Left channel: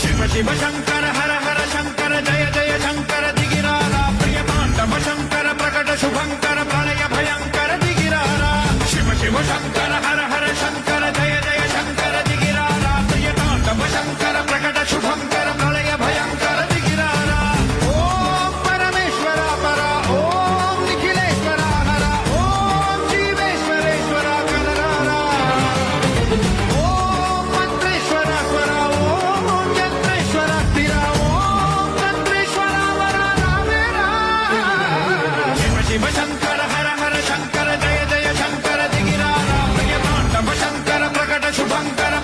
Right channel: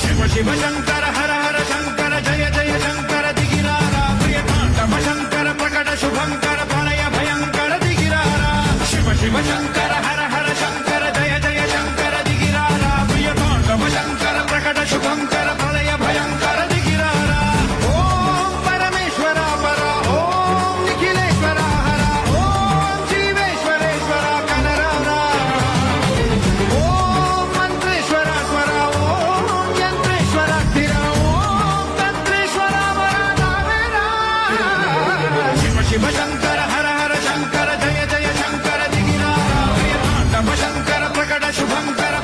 शिव शिव शंकर हर हर शंकर जय जय शंकर दिगिरारा प्रियतांडव शंकर प्रकट शुभंकर प्रणय भयंकर दिगिरारा शिव शिव शंकर हर हर शंकर जय जय शंकर दिगिरारा प्रियतांडव शंकर प्रकट शुभंकर प्रणय भयंकर दिगिरारा ओम परमेश्वर पर ओम निखिलेश्वर हर ओम जीवेश्वरेश्वर कनरारा ओम मंत्रेश्वर स्वर ओम यंत्रेश्वर स्थिर ओम तंत्रेश्वर वर नामेरा शिव शिव शंकर हर हर शंकर जय जय शंकर दिगिरारा प्रियतांडव शंकर प्रकट शुभंकर